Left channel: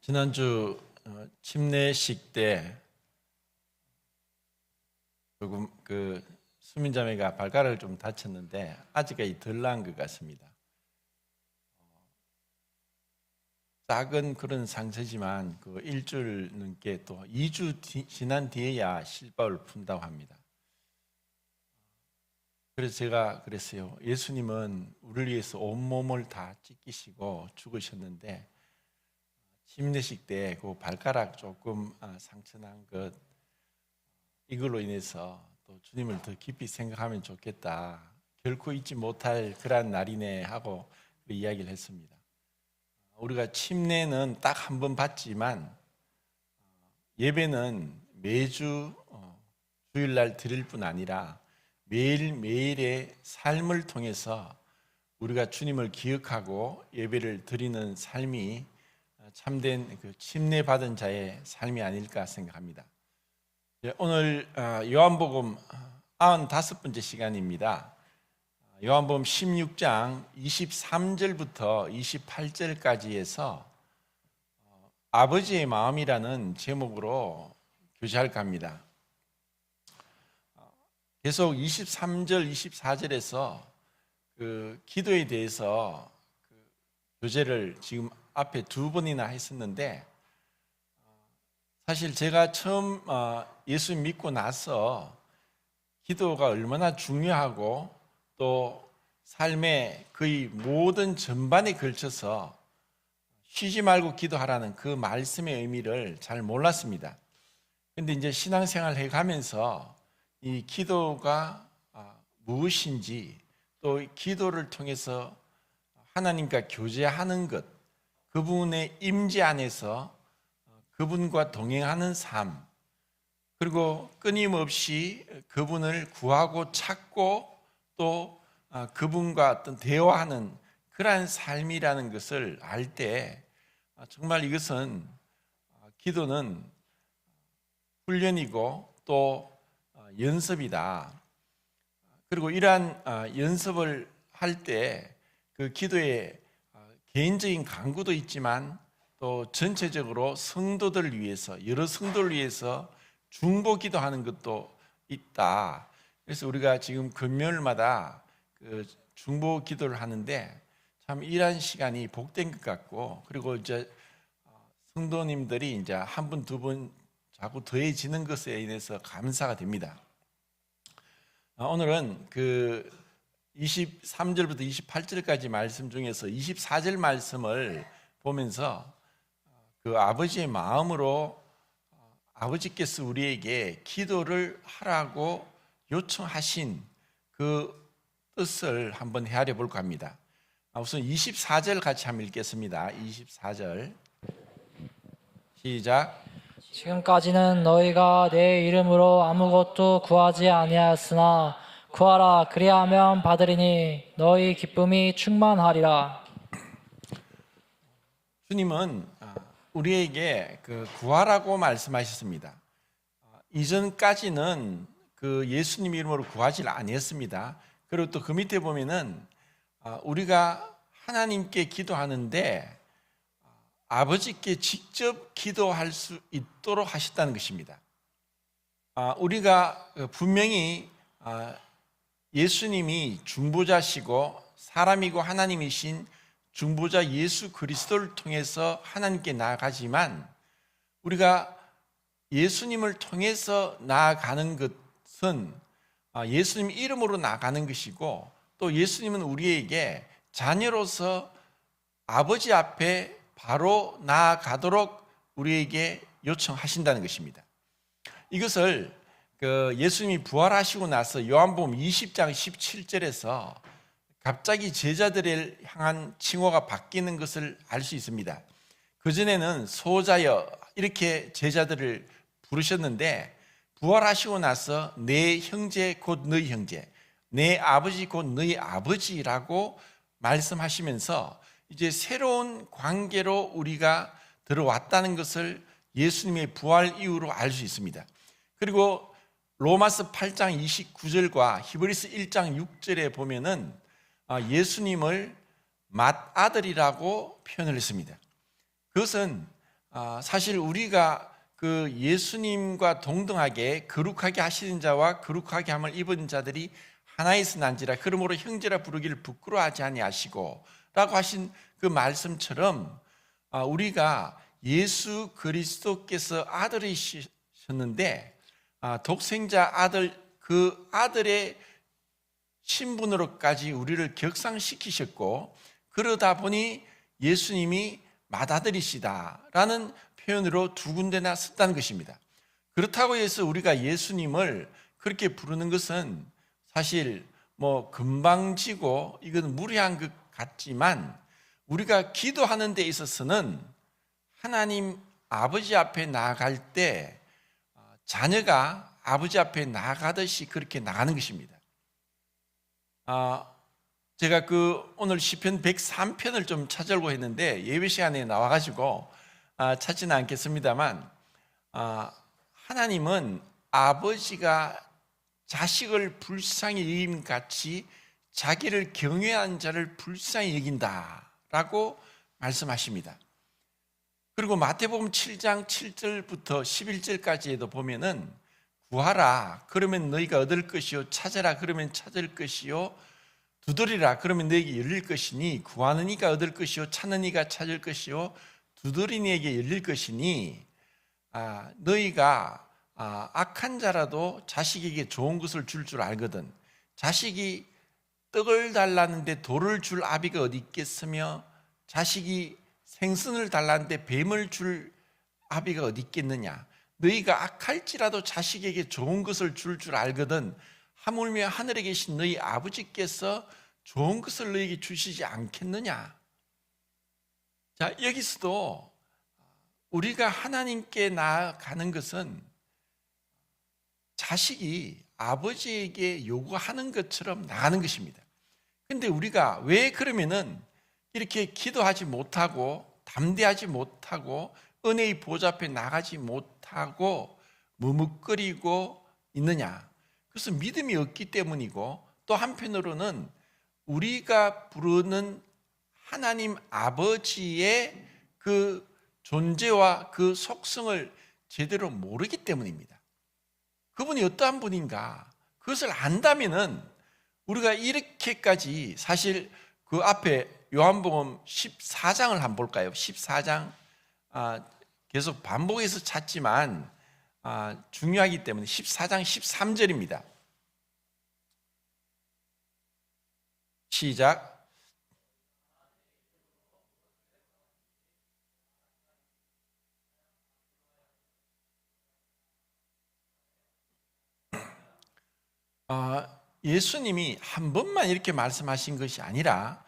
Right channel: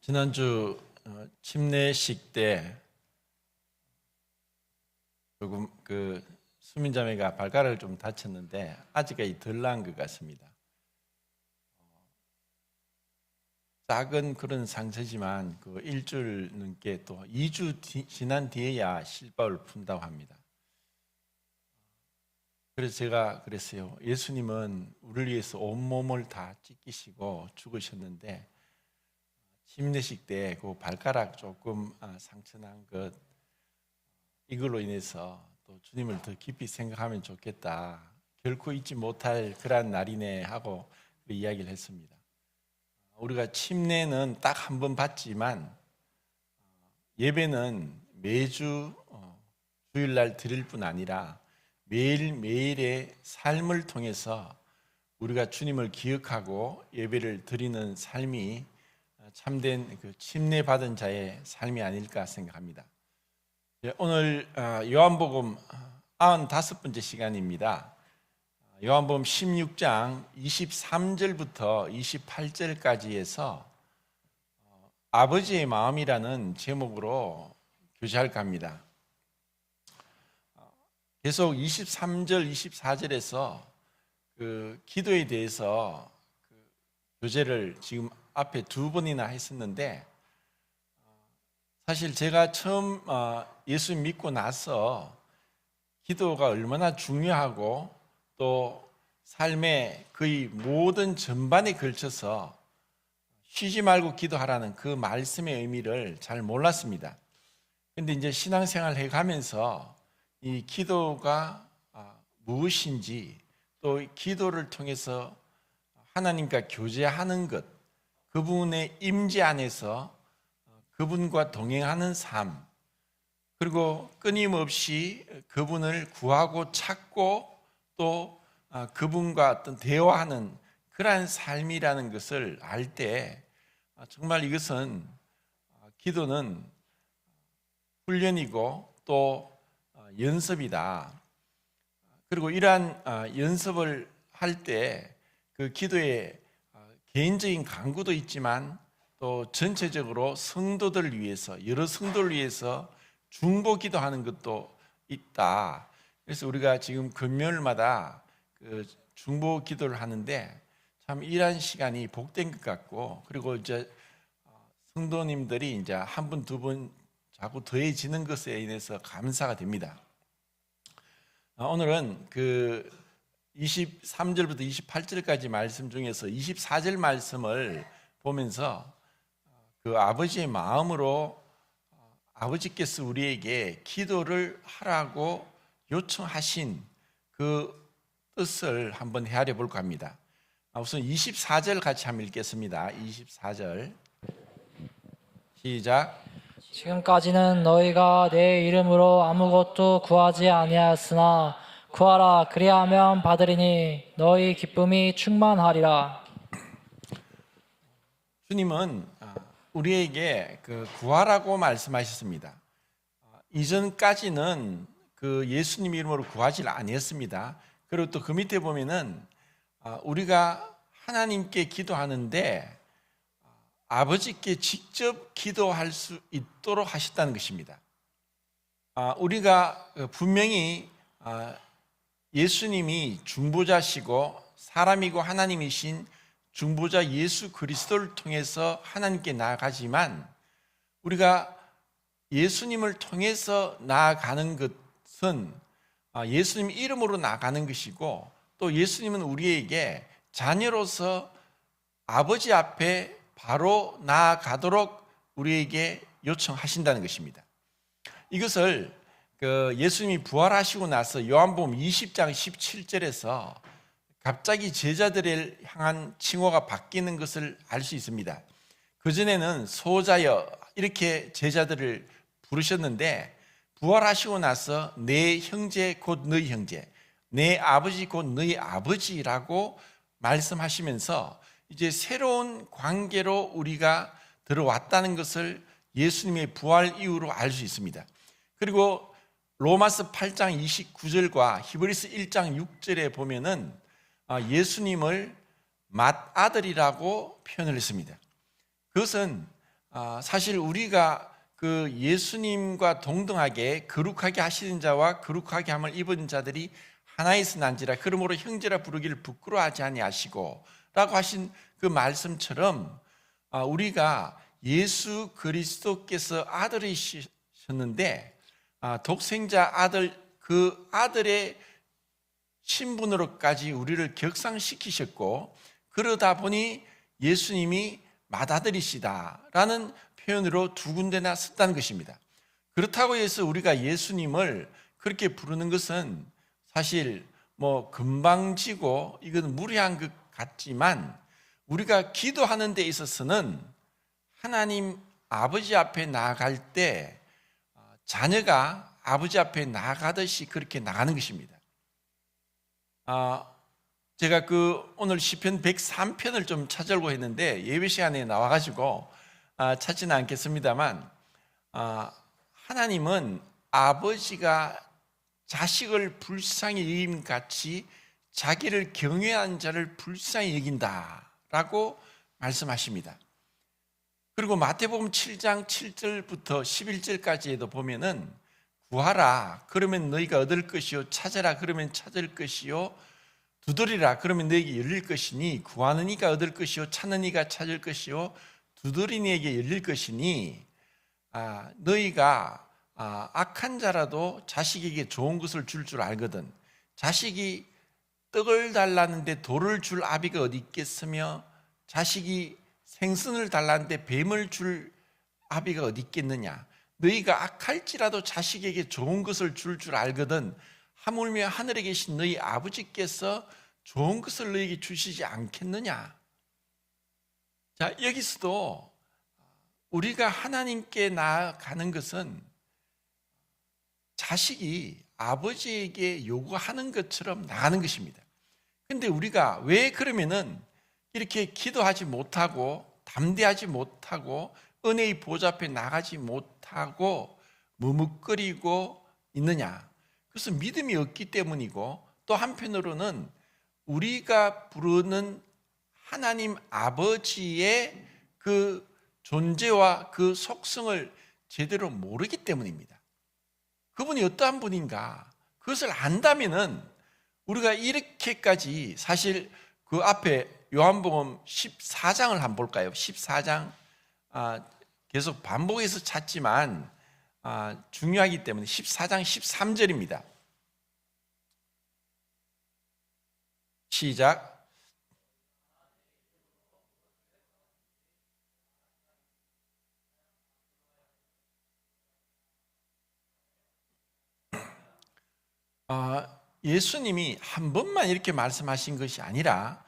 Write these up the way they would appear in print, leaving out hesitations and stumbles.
지난주 침례식 때 조금 수민자매가 발가락을 좀 다쳤는데 아직까지 덜 나은 것 같습니다. 작은 그런 상처지만 일주일 넘게 또 2주 지난 뒤에야 실밥을 푼다고 합니다. 그래서 제가 그랬어요. 예수님은 우리를 위해서 온몸을 다 찢기시고 죽으셨는데 침례식 때 그 발가락 조금 상처난 것 이걸로 인해서 또 주님을 더 깊이 생각하면 좋겠다. 결코 잊지 못할 그러한 날이네 하고 이야기를 했습니다. 우리가 침례는 딱 한 번 받지만 예배는 매주 주일날 드릴 뿐 아니라 매일매일의 삶을 통해서 우리가 주님을 기억하고 예배를 드리는 삶이 참된 침례 받은 자의 삶이 아닐까 생각합니다. 오늘 요한복음 95번째 시간입니다. 요한복음 16장 23절부터 28절까지에서 아버지의 마음이라는 제목으로 교제할까 합니다. 계속 23절, 24절에서 기도에 대해서 교제를 지금 앞에 두 번이나 했었는데 사실 제가 처음 예수 믿고 나서 기도가 얼마나 중요하고 또 삶의 거의 모든 전반에 걸쳐서 쉬지 말고 기도하라는 그 말씀의 의미를 잘 몰랐습니다. 그런데 이제 신앙생활 해가면서 이 기도가 무엇인지 또 기도를 통해서 하나님과 교제하는 것, 그분의 임재 안에서 그분과 동행하는 삶, 그리고 끊임없이 그분을 구하고 찾고 또 그분과 어떤 대화하는 그러한 삶이라는 것을 알 때 정말 이것은 기도는 훈련이고 또 연습이다. 그리고 이러한 연습을 할 때 그 기도에 개인적인 간구도 있지만 또 전체적으로 성도들을 위해서 여러 성도를 위해서 중보 기도하는 것도 있다. 그래서 우리가 지금 금요일마다 중보 기도를 하는데 참 이러한 시간이 복된 것 같고 그리고 이제 성도님들이 이제 한 분, 두 분 자꾸 더해지는 것에 인해서 감사가 됩니다. 오늘은 23절부터 28절까지 말씀 중에서 24절 말씀을 보면서 그 아버지의 마음으로 아버지께서 우리에게 기도를 하라고 요청하신 그 뜻을 한번 헤아려 볼까 합니다. 우선 24절 같이 한번 읽겠습니다. 24절 시작. 지금까지는 너희가 내 이름으로 아무것도 구하지 아니하였으나 구하라 그리하면 받으리니 너희 기쁨이 충만하리라. 주님은 우리에게 구하라고 말씀하셨습니다. 이전까지는 예수님 이름으로 구하지 아니했습니다. 그리고 또 그 밑에 보면은 우리가 하나님께 기도하는데 아버지께 직접 기도할 수 있도록 하셨다는 것입니다. 우리가 분명히 예수님이 중보자시고 사람이고 하나님이신 중보자 예수 그리스도를 통해서 하나님께 나아가지만 우리가 예수님을 통해서 나아가는 것은 예수님 이름으로 나아가는 것이고 또 예수님은 우리에게 자녀로서 아버지 앞에 바로 나아가도록 우리에게 요청하신다는 것입니다. 이것을 예수님이 부활하시고 나서 요한복음 20장 17절에서 갑자기 제자들을 향한 칭호가 바뀌는 것을 알 수 있습니다. 그전에는 소자여 이렇게 제자들을 부르셨는데 부활하시고 나서 내 형제 곧 너희 형제, 내 아버지 곧 너희 아버지라고 말씀하시면서 이제 새로운 관계로 우리가 들어왔다는 것을 예수님의 부활 이후로 알 수 있습니다. 그리고 로마서 8장 29절과 히브리서 1장 6절에 보면은 예수님을 맏아들이라고 표현을 했습니다. 그것은 사실 우리가 그 예수님과 동등하게 거룩하게 하시는 자와 거룩하게 함을 입은 자들이 하나에서 난지라 그러므로 형제라 부르기를 부끄러워하지 아니하시고 라고 하신 그 말씀처럼 우리가 예수 그리스도께서 아들이셨는데 독생자 아들 그 아들의 신분으로까지 우리를 격상시키셨고 그러다 보니 예수님이 맏아들이시다라는 표현으로 두 군데나 썼다는 것입니다. 그렇다고 해서 우리가 예수님을 그렇게 부르는 것은 사실 뭐 금방지고 이건 무리한 것 같지만 우리가 기도하는 데 있어서는 하나님 아버지 앞에 나아갈 때 자녀가 아버지 앞에 나아가듯이 그렇게 나가는 것입니다. 제가 오늘 시편 103편을 좀 찾으려고 했는데 예배 시간에 나와가지고 찾지는 않겠습니다만 하나님은 아버지가 자식을 불쌍히 여김 같이 자기를 경외한 자를 불쌍히 여긴다라고 말씀하십니다. 그리고 마태복음 7장 7절부터 11절까지에도 보면은 구하라 그러면 너희가 얻을 것이요 찾아라 그러면 찾을 것이요 두드리라 그러면 너희에게 열릴 것이니 구하는 이가 얻을 것이요 찾는 이가 찾을 것이요 두드리는 이에게 열릴 것이니 너희가 악한 자라도 자식에게 좋은 것을 줄 줄 알거든 자식이 떡을 달라는데 돌을 줄 아비가 어디 있겠으며 자식이 생선을 달라는데 뱀을 줄 아비가 어디 있겠느냐 너희가 악할지라도 자식에게 좋은 것을 줄 줄 알거든 하물며 하늘에 계신 너희 아버지께서 좋은 것을 너희에게 주시지 않겠느냐. 자, 여기서도 우리가 하나님께 나아가는 것은 자식이 아버지에게 요구하는 것처럼 나가는 것입니다. 그런데 우리가 왜 그러면은 이렇게 기도하지 못하고 담대하지 못하고 은혜의 보좌 앞에 나가지 못하고 머뭇거리고 있느냐? 그것은 믿음이 없기 때문이고 또 한편으로는 우리가 부르는 하나님 아버지의 그 존재와 그 속성을 제대로 모르기 때문입니다. 그분이 어떠한 분인가 그것을 안다면은 우리가 이렇게까지 사실 그 앞에 요한복음 14장을 한번 볼까요? 14장 계속 반복해서 찾지만 중요하기 때문에 14장 13절입니다. 시작. 예수님이 한 번만 이렇게 말씀하신 것이 아니라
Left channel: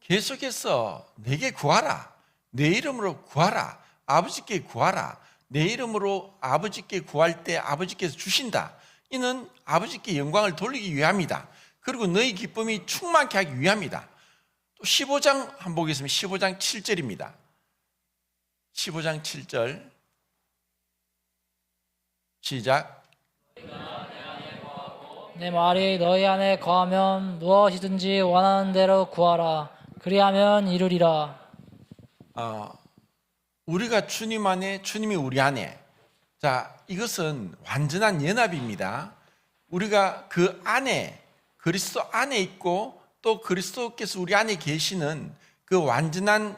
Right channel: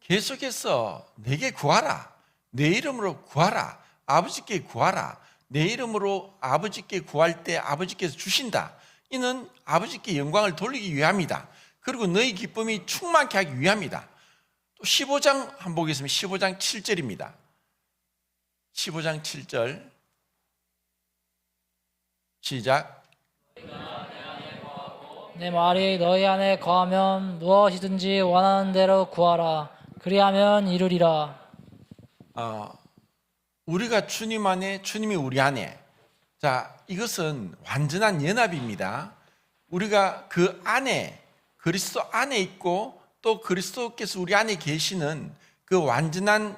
계속해서 내게 구하라. 내 이름으로 구하라. 아버지께 구하라. 내 이름으로 아버지께 구할 때 아버지께서 주신다. 이는 아버지께 영광을 돌리기 위함이다. 그리고 너희 기쁨이 충만케 하기 위함이다. 또 15장 한번 보겠습니다. 15장 7절입니다. 15장 7절 시작. 내 말이 너희 안에 거하면 무엇이든지 원하는 대로 구하라. 그리하면 이루리라. 우리가 주님 안에, 주님이 우리 안에. 자, 이것은 완전한 연합입니다. 우리가 그 안에, 그리스도 안에 있고 또 그리스도께서 우리 안에 계시는 그 완전한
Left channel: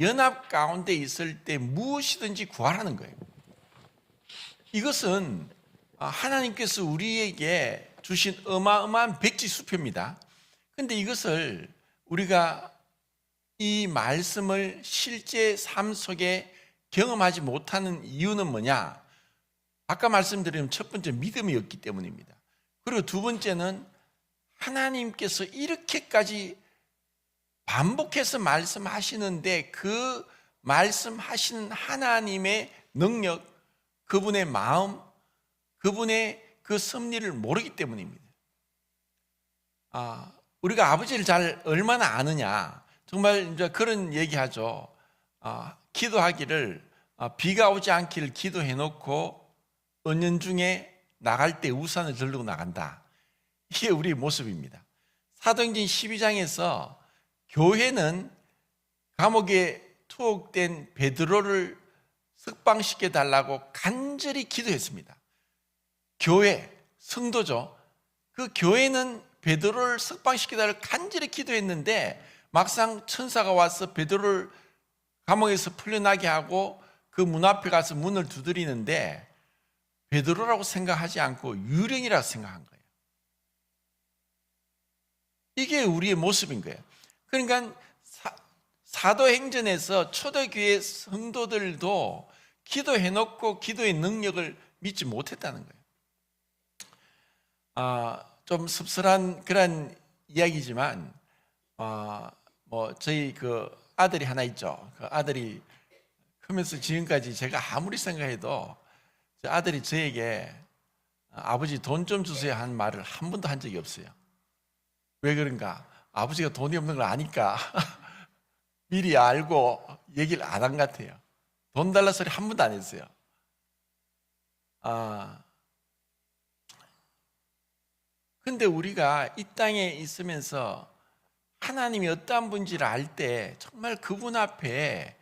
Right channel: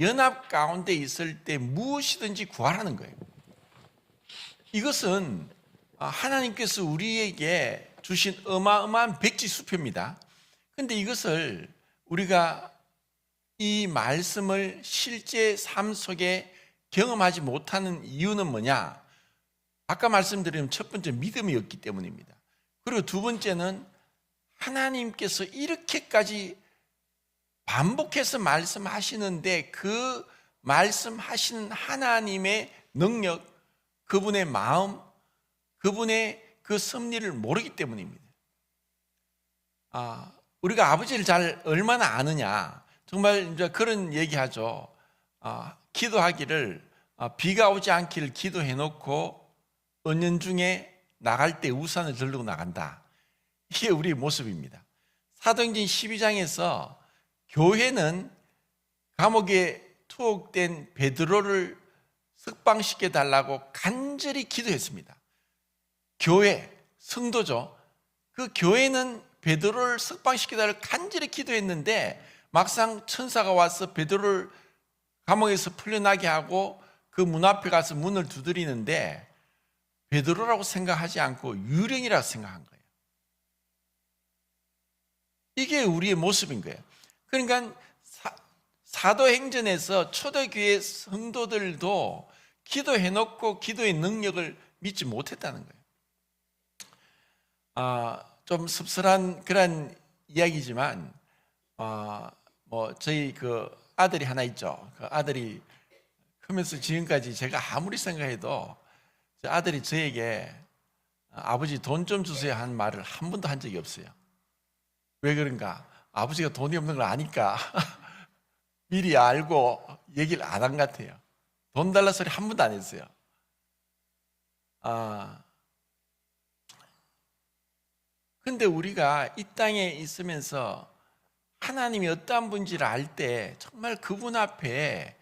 연합 가운데 있을 때 무엇이든지 구하라는 거예요. 이것은 하나님께서 우리에게 주신 어마어마한 백지수표입니다. 그런데 이것을 우리가 이 말씀을 실제 삶 속에 경험하지 못하는 이유는 뭐냐? 아까 말씀드린 첫 번째 믿음이 없기 때문입니다. 그리고 두 번째는 하나님께서 이렇게까지 반복해서 말씀하시는데 그 말씀하시는 하나님의 능력, 그분의 마음, 그분의 그 섭리를 모르기 때문입니다. 우리가 아버지를 잘 얼마나 아느냐? 정말 이제 그런 얘기하죠. 기도하기를 비가 오지 않기를 기도해놓고 은연중에 나갈 때 우산을 들고 나간다. 이게 우리의 모습입니다. 사도행전 12장에서 교회는 감옥에 투옥된 베드로를 석방시켜 달라고 간절히 기도했습니다. 교회, 성도죠. 그 교회는 베드로를 석방시켜 달라고 간절히 기도했는데 막상 천사가 와서 베드로를 감옥에서 풀려나게 하고 그 문 앞에 가서 문을 두드리는데 베드로라고 생각하지 않고 유령이라고 생각한 거예요. 이게 우리의 모습인 거예요. 그러니까 사도행전에서 초대교회 성도들도 기도해놓고 기도의 능력을 믿지 못했다는 거예요. 좀 씁쓸한 그런 이야기지만 저희 그 아들이 하나 있죠. 그 아들이 크면서 지금까지 제가 아무리 생각해도 저 아들이 저에게 아버지 돈 좀 주세요 한 말을 한 번도 한 적이 없어요. 왜 그런가? 아버지가 돈이 없는 걸 아니까 미리 알고 얘기를 안 한 것 같아요. 돈 달라 소리 한 번도 안 했어요. 근데 우리가 이 땅에 있으면서 하나님이 어떠한 분인지를 알 때 정말 그분 앞에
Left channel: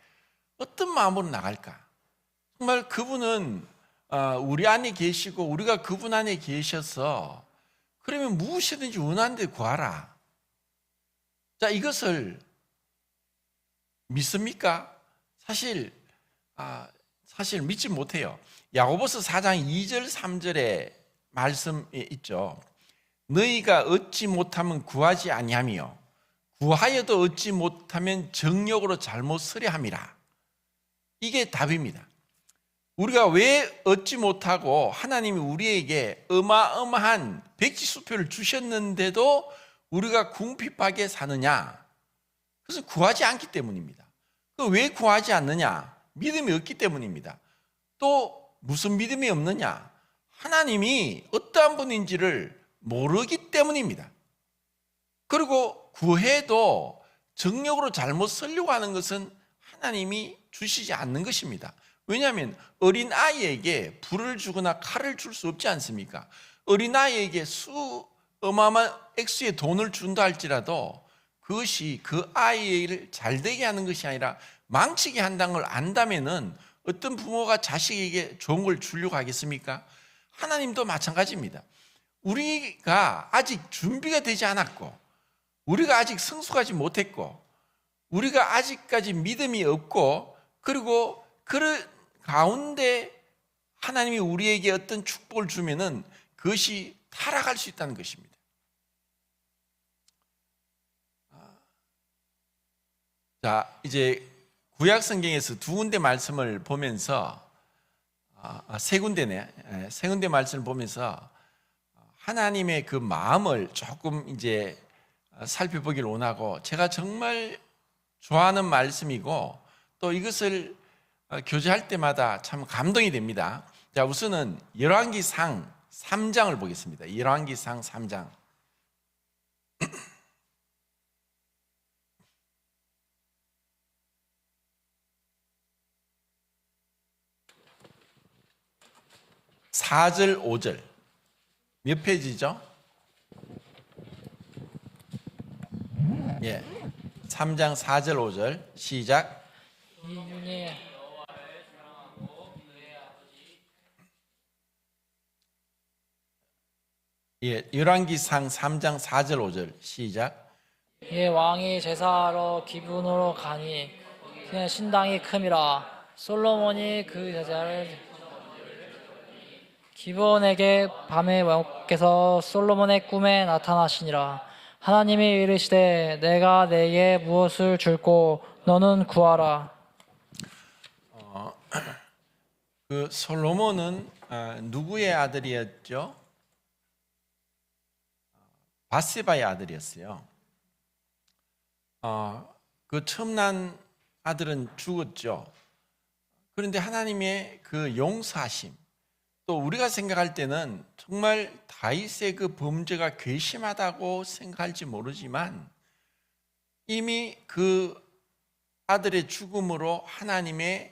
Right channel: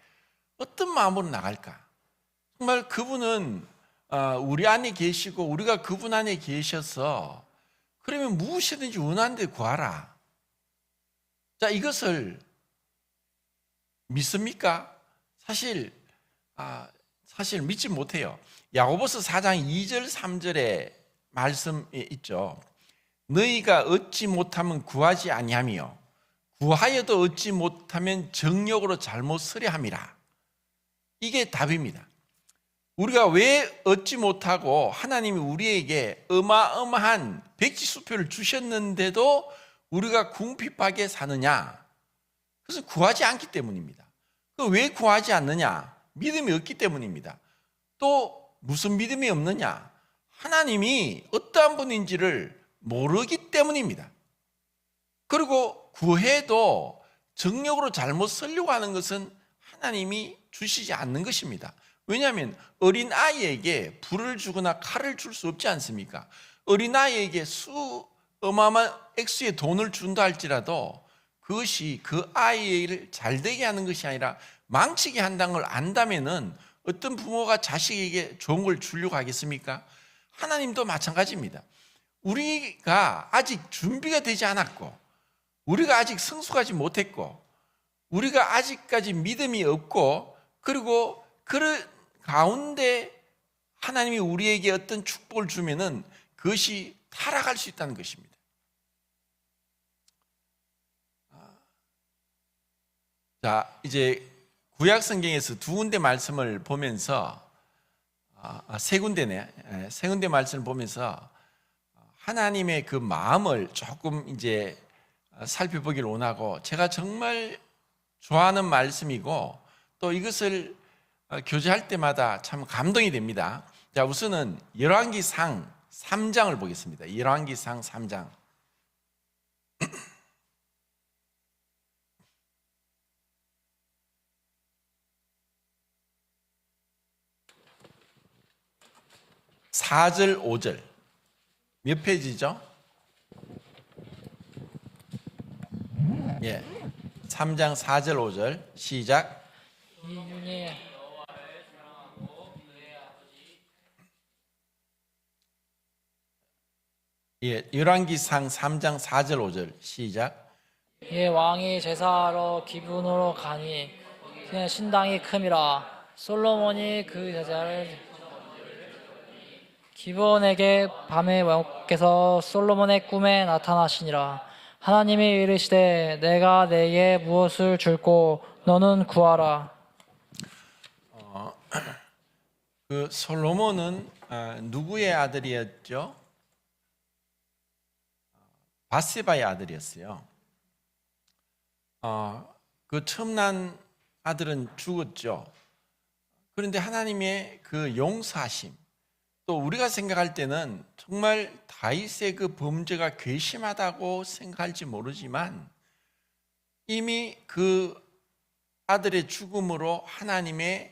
어떤 마음으로 나갈까? 정말 그분은 우리 안에 계시고 우리가 그분 안에 계셔서 그러면 무엇이든지 원하는 데 구하라. 자, 이것을 믿습니까? 사실 믿지 못해요. 야고보서 4장 2절 3절에 말씀이 있죠. 너희가 얻지 못하면 구하지 아니하며 구하여도 얻지 못하면 정욕으로 잘못 쓰려 함이라. 이게 답입니다. 우리가 왜 얻지 못하고 하나님이 우리에게 어마어마한 백지수표를 주셨는데도 우리가 궁핍하게 사느냐? 그래서 구하지 않기 때문입니다. 왜 구하지 않느냐? 믿음이 없기 때문입니다. 또 무슨 믿음이 없느냐? 하나님이 어떠한 분인지를 모르기 때문입니다. 그리고 구해도 정욕으로 잘못 쓰려고 하는 것은 하나님이 주시지 않는 것입니다. 왜냐하면 어린 아이에게 불을 주거나 칼을 줄 수 없지 않습니까? 어린 아이에게 어마어마한 액수의 돈을 준다 할지라도 그것이 그 아이를 잘되게 하는 것이 아니라 망치게 한다는 걸 안다면은 어떤 부모가 자식에게 좋은 걸 주려고 하겠습니까? 하나님도 마찬가지입니다. 우리가 아직 준비가 되지 않았고 우리가 아직 성숙하지 못했고 우리가 아직까지 믿음이 없고 그리고 그런 가운데 하나님이 우리에게 어떤 축복을 주면은 그것이 타락할 수 있다는 것입니다. 자, 이제 구약 성경에서 두 군데 말씀을 보면서 세 군데네. 세 군데 말씀을 보면서 하나님의 그 마음을 조금 이제 살펴보기를 원하고 제가 정말 좋아하는 말씀이고 또 이것을 교제할 때마다 참 감동이 됩니다. 자, 우선은 열왕기상 3장을 보겠습니다. 열왕기상 3장. (4절) (5절) 몇 페이지죠? 예, 3장 4절 5절 시작. 예, 열왕기상 3장 4절 5절 시작. 예, 왕이 제사하러 기브론으로 가니 그의 신당이 큼이라. 솔로몬이 그 제사를 기브론에게 밤에 왕께서 솔로몬의 꿈에 나타나시니라. 하나님이 이르시되 내가 내게 무엇을 줄고 너는 구하라. 그 솔로몬은 누구의 아들이었죠? 바세바의 아들이었어요. 그 처음 난 아들은 죽었죠. 그런데 하나님의 그 용서하심, 또 우리가 생각할 때는 정말 다윗의 그 범죄가 괘씸하다고 생각할지 모르지만 이미 그 아들의 죽음으로 하나님의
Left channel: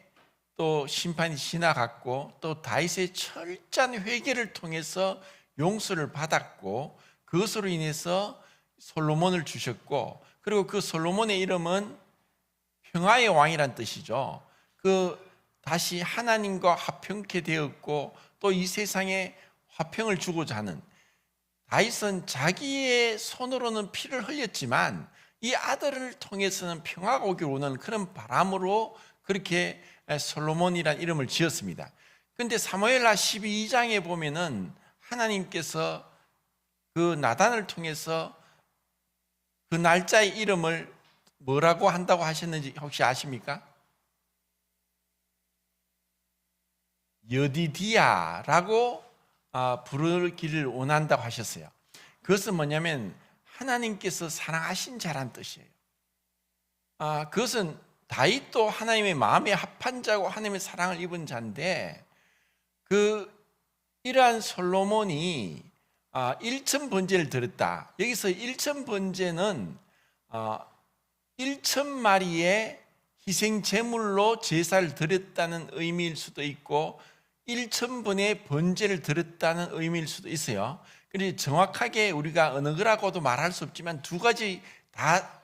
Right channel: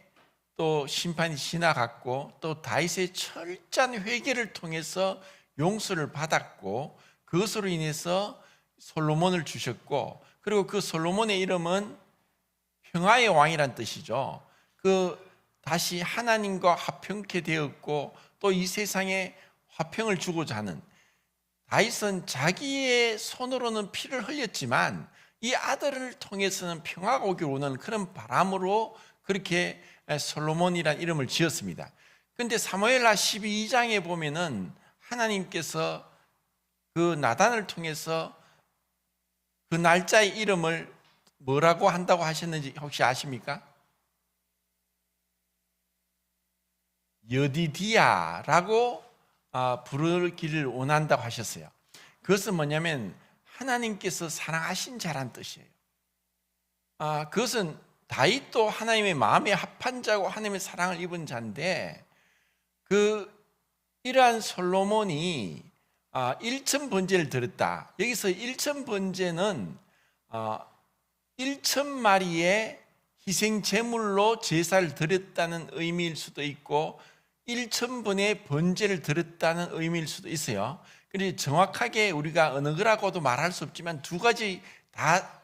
또 심판이 지나갔고 또 다윗의 철저한 회개를 통해서 용서를 받았고 그것으로 인해서 솔로몬을 주셨고 그리고 그 솔로몬의 이름은 평화의 왕이란 뜻이죠. 그 다시 하나님과 화평케 되었고 또 이 세상에 화평을 주고자 하는, 다윗은 자기의 손으로는 피를 흘렸지만 이 아들을 통해서는 평화가 오기를 원하는 그런 바람으로 그렇게 솔로몬이라는 이름을 지었습니다. 그런데 사무엘하 12장에 보면은 하나님께서 그 나단을 통해서 그 날짜의 이름을 뭐라고 한다고 하셨는지 혹시 아십니까? 여디디아라고 부르기를 원한다고 하셨어요. 그것은 뭐냐면 하나님께서 사랑하신 자란 뜻이에요. 그것은 다윗도 하나님의 마음에 합한 자고 하나님의 사랑을 입은 자인데 이러한 솔로몬이 일천 번제를 드렸다. 여기서 일천 번제는 1,000마리의 희생 제물로 제사를 드렸다는 의미일 수도 있고 1,000번의 번제를 드렸다는 의미일 수도 있어요. 그래서 정확하게 우리가 어느 거라고도 말할 수 없지만 두 가지 다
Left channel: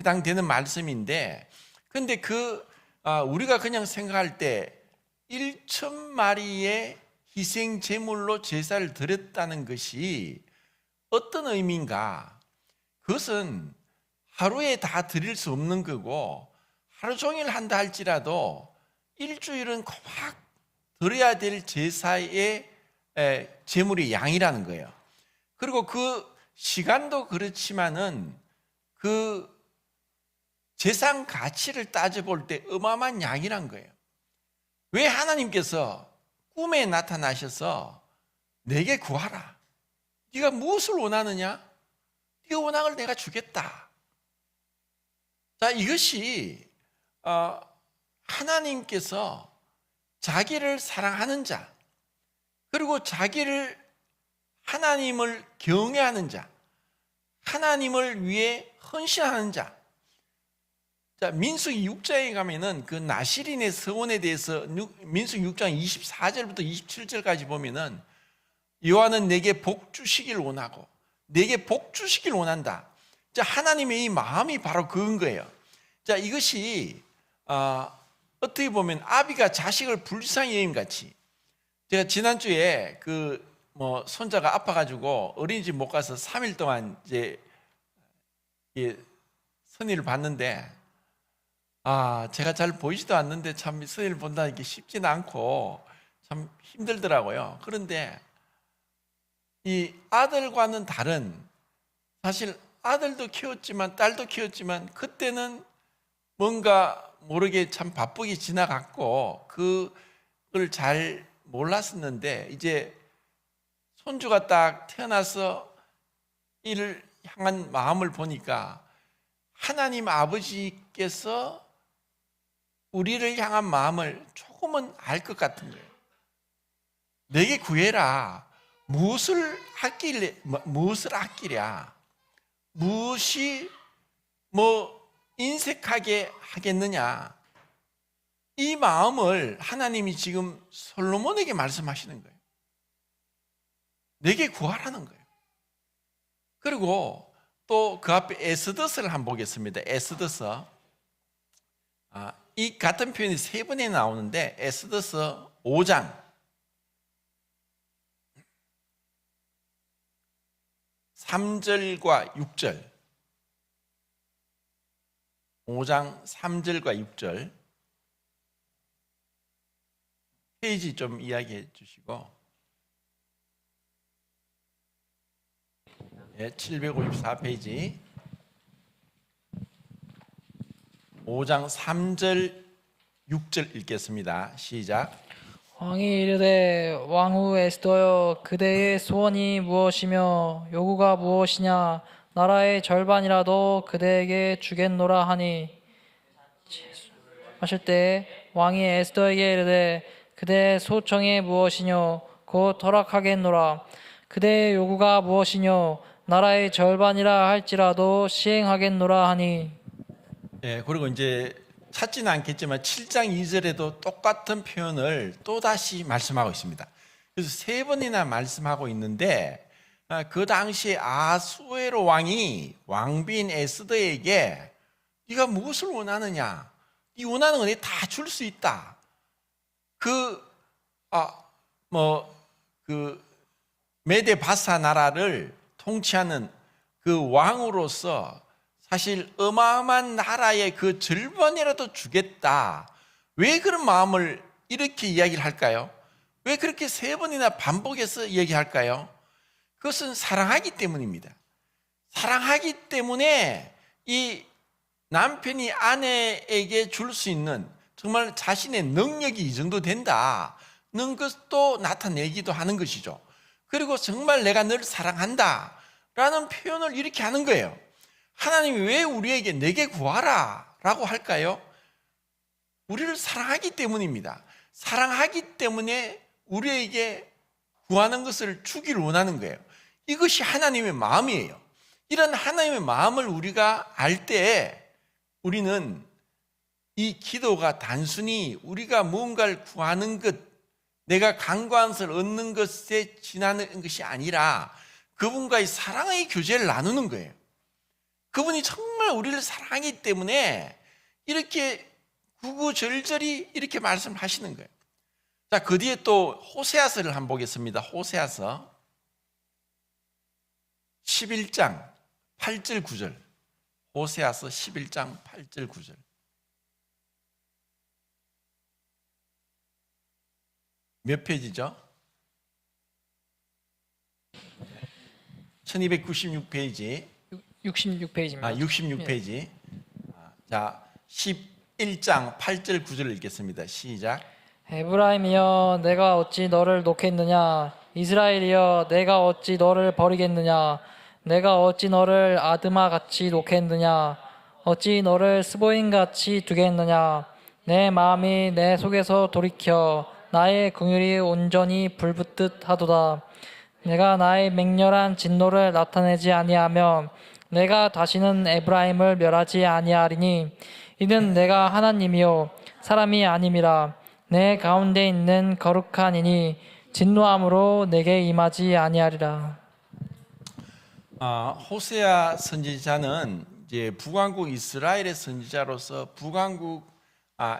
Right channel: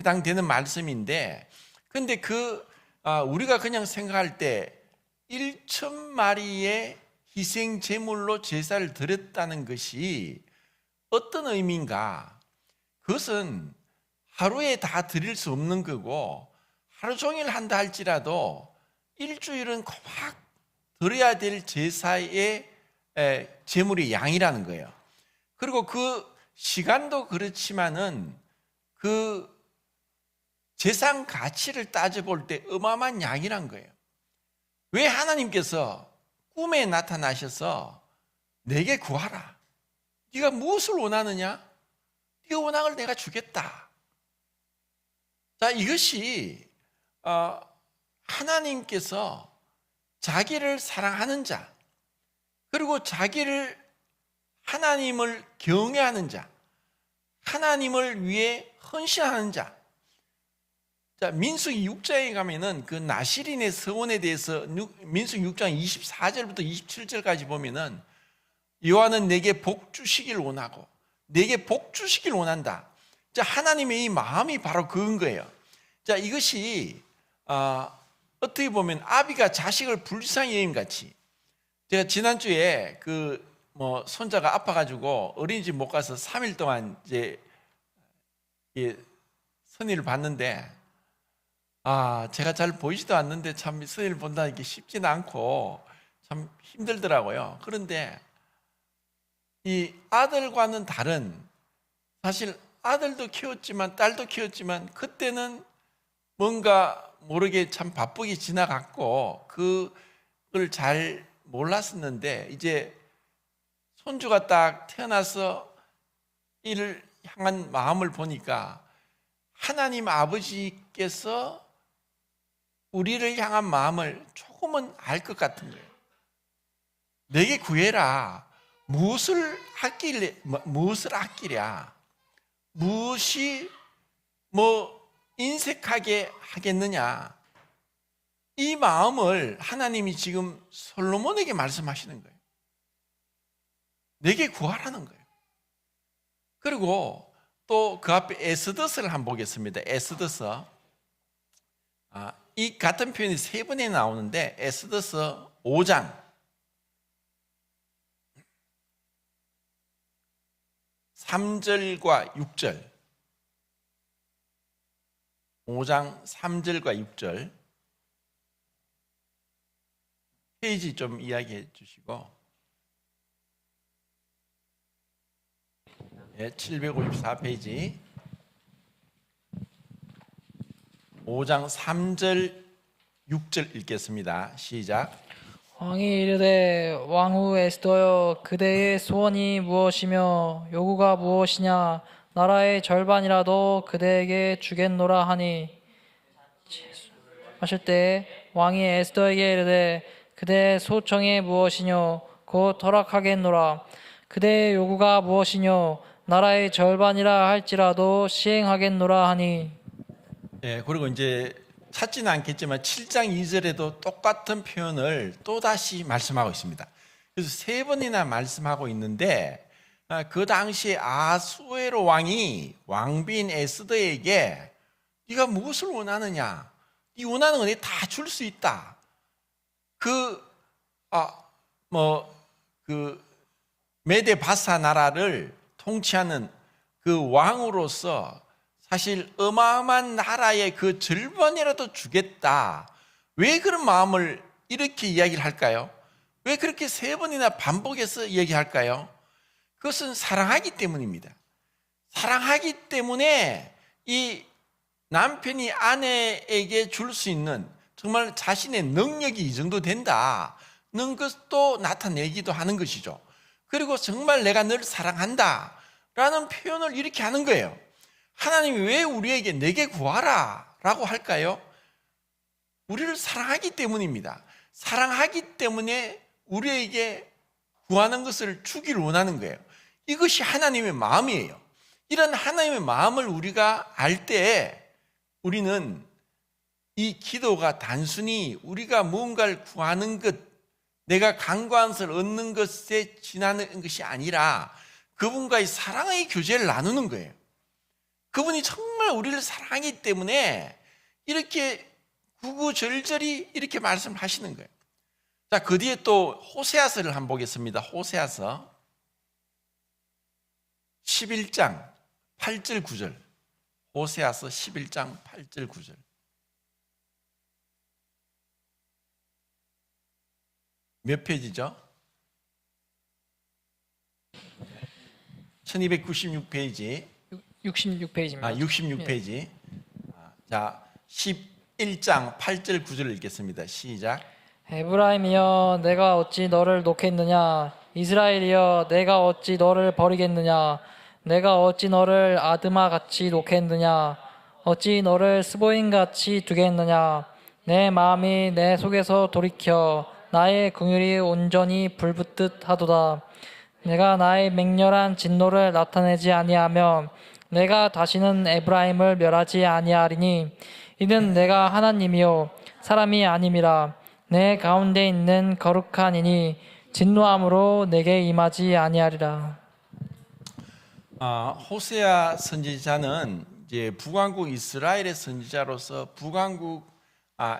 해당되는 말씀인데, 근데 우리가 그냥 생각할 때 1,000마리의 희생 제물로 제사를 드렸다는 것이 어떤 의미인가? 그것은 하루에 다 드릴 수 없는 거고 하루 종일 한다 할지라도 일주일은 꼭 드려야 될 제사의 제물의 양이라는 거예요. 그리고 그 시간도 그렇지만은 그 재산 가치를 따져볼 때 어마어마한 양이란 거예요. 왜 하나님께서 꿈에 나타나셔서 내게 구하라. 네가 무엇을 원하느냐? 네가 원하는 걸 내가 주겠다. 자, 이것이 하나님께서 자기를 사랑하는 자, 그리고 하나님을 경외하는 자, 하나님을 위해 헌신하는 자. 자, 민수기 6장에 가면은 그 나시린의 서원에 대해서 민수기 6장 24절부터 27절까지 보면은 여호와는 내게 복 주시길 원하고 내게 복 주시길 원한다. 자, 하나님의 이 마음이 바로 그건 거예요. 자, 이것이 어떻게 보면 아비가 자식을 불쌍히 여김같이, 제가 지난주에 손자가 아파가지고 어린이집 못 가서 3일 동안 이제 선의를 봤는데, 제가 잘 보이지도 않는데 참 선의를 본다는 게 쉽지는 않고 참 힘들더라고요. 그런데 이 아들과는 다른, 사실 아들도 키웠지만 딸도 키웠지만 그때는 뭔가 모르게 참 바쁘게 지나갔고 그걸 잘 몰랐었는데 이제 손주가 딱 태어나서 이를 향한 마음을 보니까 하나님 아버지께서 우리를 향한 마음을 조금은 알 것 같은 거예요. 내게 구해라. 무엇을 아끼랴? 무엇이 인색하게 하겠느냐? 이 마음을 하나님이 지금 솔로몬에게 말씀하시는 거예요. 내게 구하라는 거예요. 그리고 또 그 앞에 에스더스를 한번 보겠습니다. 에스더스. 이 같은 표현이 세 번에 나오는데 에스더스 5장 3절과 6절, 5장 3절과 6절 페이지 좀 이야기해 주시고, 754페이지 5장 3절 6절 읽겠습니다. 시작. 왕이 이르되 왕후 에스더여, 그대의 소원이 무엇이며 요구가 무엇이냐? 나라의 절반이라도 그대에게 주겠노라 하니, 하실 때 왕이 에스더에게 이르되 그대의 소청이 무엇이뇨? 곧 허락하겠노라. 그대의 요구가 무엇이뇨? 나라의 절반이라 할지라도 시행하겠노라 하니. 그리고 이제 찾지는 않겠지만 7장 2절에도 똑같은 표현을 또다시 말씀하고 있습니다. 그래서 세 번이나 말씀하고 있는데, 그 당시에 아수에로 왕이 왕비인 에스더에게 네가 무엇을 원하느냐? 네 원하는 거 내가 다 줄 수 있다. 그 메데 바사 나라를 통치하는 그 왕으로서 사실 어마어마한 나라의 그 절반이라도 주겠다. 왜 그런 마음을 이렇게 이야기를 할까요? 왜 그렇게 세 번이나 반복해서 얘기할까요? 그것은 사랑하기 때문입니다. 사랑하기 때문에 이 남편이 아내에게 줄 수 있는 정말 자신의 능력이 이 정도 된다는 것도 나타내기도 하는 것이죠. 그리고 정말 내가 널 사랑한다 라는 표현을 이렇게 하는 거예요. 하나님이 왜 우리에게 내게 구하라 라고 할까요? 우리를 사랑하기 때문입니다. 사랑하기 때문에 우리에게 구하는 것을 주기를 원하는 거예요. 이것이 하나님의 마음이에요. 이런 하나님의 마음을 우리가 알 때 우리는 이 기도가 단순히 우리가 무언가를 구하는 것, 내가 간과한 것을 얻는 것에 지나는 것이 아니라 그분과의 사랑의 교제를 나누는 거예요. 그분이 정말 우리를 사랑하기 때문에 이렇게 구구절절히 이렇게 말씀하시는 거예요. 자, 그 뒤에 또 호세아서를 한번 보겠습니다. 호세아서 11장 8절 9절. 호세아서 11장 8절 9절. 몇 페이지죠? 1296페이지. 66페이지입니다. 66페이지. 자, 11장 8절 9절을 읽겠습니다. 시작. 에브라임이여 내가 어찌 너를 놓겠느냐, 이스라엘이여 내가 어찌 너를 버리겠느냐, 내가 어찌 너를 아드마같이 놓겠느냐, 어찌 너를 스보임같이 두겠느냐. 내 마음이 내 속에서 돌이켜 나의 긍휼이 온전히 불붙듯 하도다. 내가 나의 맹렬한 진노를 나타내지 아니하며 내가 다시는 에브라임을 멸하지 아니하리니 이는 내가 하나님이요 사람이 아님이라. 내 가운데 있는 거룩한 이니 진노함으로 내게 임하지 아니하리라. 호세아 선지자는 이제 북왕국 이스라엘의 선지자로서 북왕국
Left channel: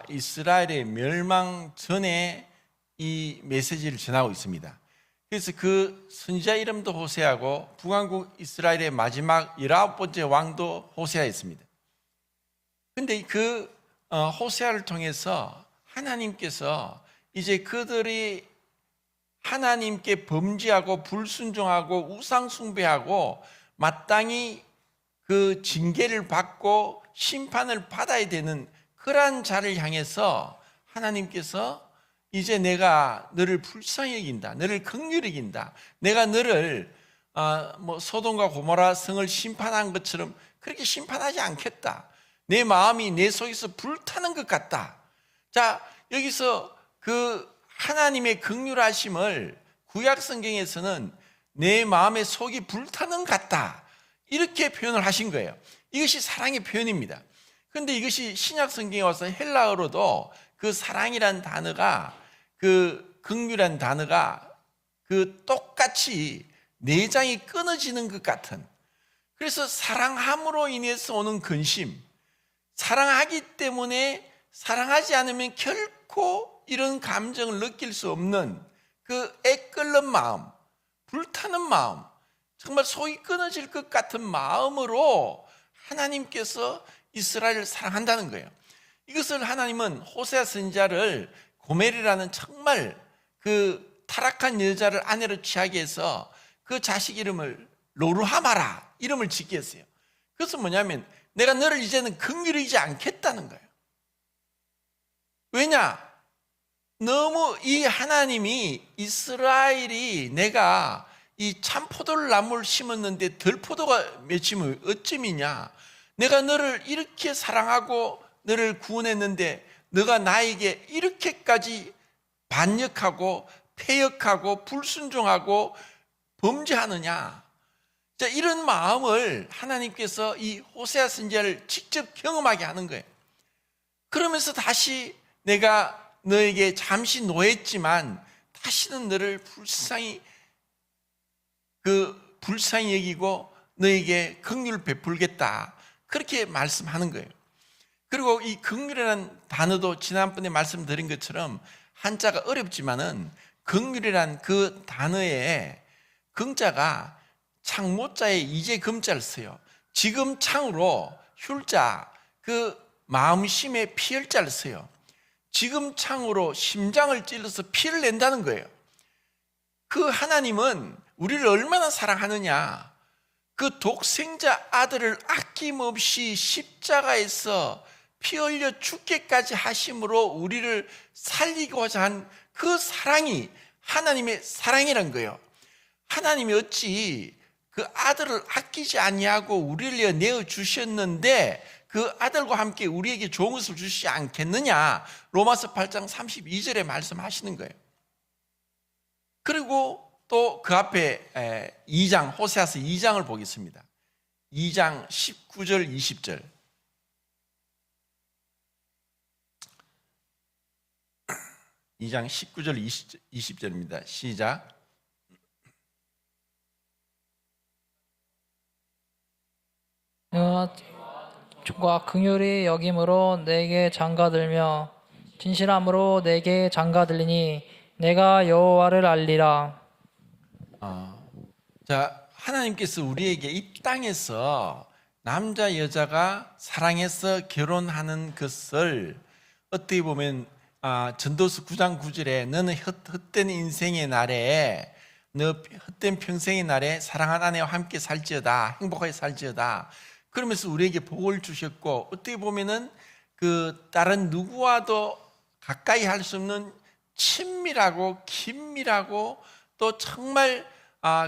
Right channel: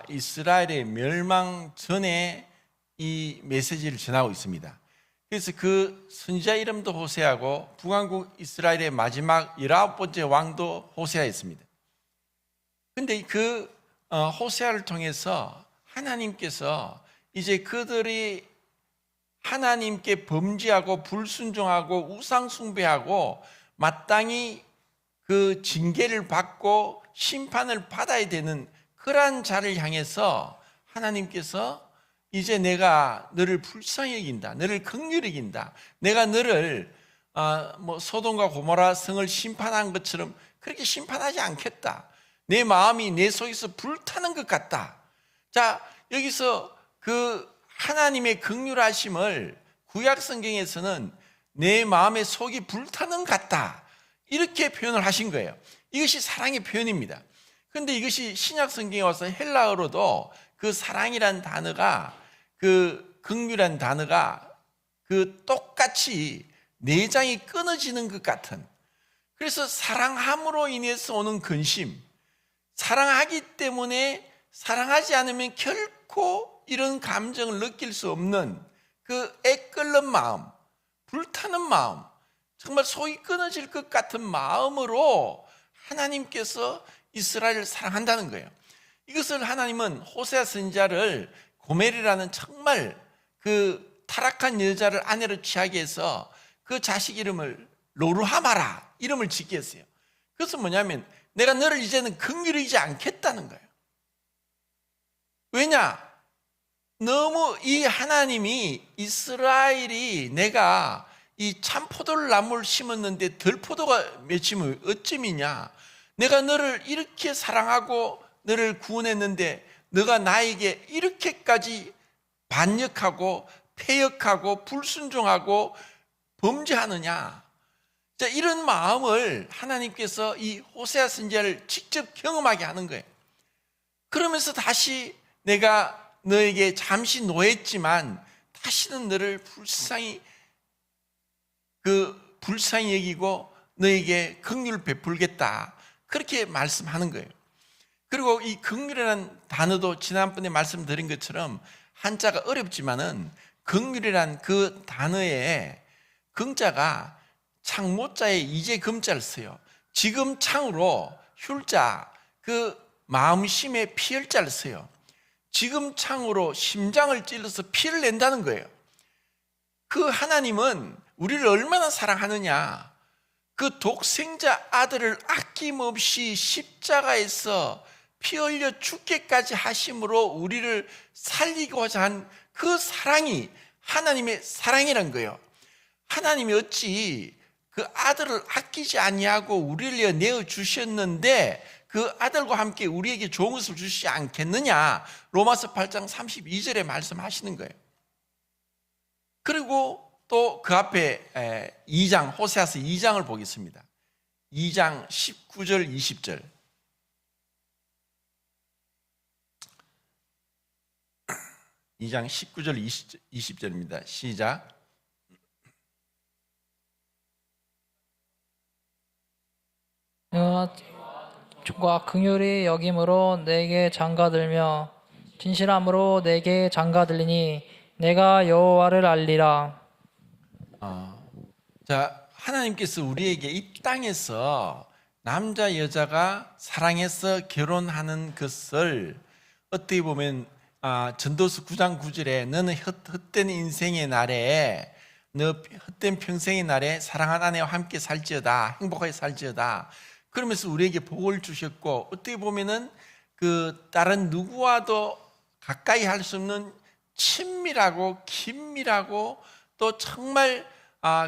이스라엘의 멸망 전에 이 메시지를 전하고 있습니다. 그래서 그 선지자 이름도 호세아고 북왕국 이스라엘의 마지막 19번째 왕도 호세아였습니다. 그런데 그 호세아를 통해서 하나님께서 이제 그들이 하나님께 범죄하고 불순종하고 우상숭배하고 마땅히 그 징계를 받고 심판을 받아야 되는 그러한 자를 향해서 하나님께서 이제 내가 너를 불쌍히 여긴다. 너를 긍휼히 여긴다. 내가 너를 소돔과 고모라 성을 심판한 것처럼 그렇게 심판하지 않겠다. 내 마음이 내 속에서 불타는 것 같다. 자, 여기서 그 하나님의 긍휼하심을 구약 성경에서는 내 마음의 속이 불타는 것 같다. 이렇게 표현을 하신 거예요. 이것이 사랑의 표현입니다. 그런데 이것이 신약 성경에 와서 헬라어로도 그 사랑이란 단어가 그 긍휼한 단어가 그 똑같이 내장이 끊어지는 것 같은, 그래서 사랑함으로 인해서 오는 근심, 사랑하기 때문에 사랑하지 않으면 결코 이런 감정을 느낄 수 없는 그 애끓는 마음, 불타는 마음, 정말 속이 끊어질 것 같은 마음으로 하나님께서 이스라엘을 사랑한다는 거예요. 이것을 하나님은 호세아 선지자를 고멜이라는 정말 그 타락한 여자를 아내로 취하게 해서 그 자식 이름을 로르하마라 이름을 짓게 했어요. 그것은 뭐냐면 내가 너를 이제는 긍휼히 여기지 않겠다는 거예요. 왜냐? 너무 이 하나님이 이스라엘이 내가 이 참포도를 나무를 심었는데 덜포도가 맺히면 어찌미냐? 내가 너를 이렇게 사랑하고 너를 구원했는데 너가 나에게 이렇게까지 반역하고 패역하고 불순종하고 범죄하느냐? 자, 이런 마음을 하나님께서 이 호세아 선지자를 직접 경험하게 하는 거예요. 그러면서 다시 내가 너에게 잠시 노했지만 다시는 너를 불쌍히 여기고 너에게 긍휼을 베풀겠다. 그렇게 말씀하는 거예요. 그리고 이 긍휼이라는 단어도 지난번에 말씀드린 것처럼 한자가 어렵지만은 긍휼이란 그 단어에 긍자가 창모자에 이제 금자를 써요. 지금 창으로 휼자 그 마음심에 피혈자를 써요. 지금 창으로 심장을 찔러서 피를 낸다는 거예요. 그 하나님은 우리를 얼마나 사랑하느냐. 그 독생자 아들을 아낌없이 십자가에서 피 흘려 죽게까지 하심으로 우리를 살리고자 한 그 사랑이 하나님의 사랑이란 거예요. 하나님이 어찌 그 아들을 아끼지 아니하고 우리를 위해 내어 주셨는데 그 아들과 함께 우리에게 좋은 것을 주시지 않겠느냐. 로마서 8장 32절에 말씀하시는 거예요. 그리고 또 그 앞에 2장 호세아서 2장을 보겠습니다. 2장 19절 20절. 2장 19절 20절입니다. 시작. 주가 긍휼히 여김으로 내게 장가들며 진실함으로 내게 장가들리니 내가 여호와를 알리라. 자, 하나님께서 우리에게 이 땅에서 남자 여자가 사랑해서 결혼하는 것을 어떻게 보면 전도서 9장 9절에 너는 헛된 인생의 날에 너 헛된 평생의 날에 사랑하는 아내와 함께 살지어다, 행복하게 살지어다. 그러면서 우리에게 복을 주셨고, 어떻게 보면은 그 다른 누구와도 가까이 할 수 없는 친밀하고 긴밀하고 또 정말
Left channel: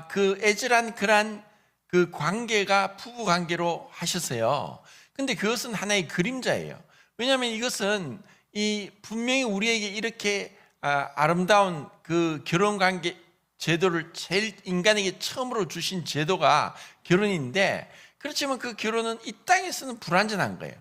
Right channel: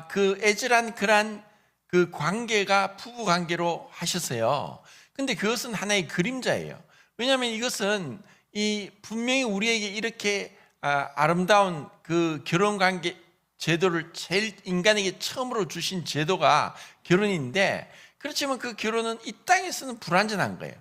그 애절한 그런 그 관계가 부부 관계로 하셨어요. 근데 그것은 하나의 그림자예요. 왜냐하면 이것은 이 분명히 우리에게 이렇게 아름다운 그 결혼 관계 제도를 제일 인간에게 처음으로 주신 제도가 결혼인데, 그렇지만 그 결혼은 이 땅에서는 불완전한 거예요.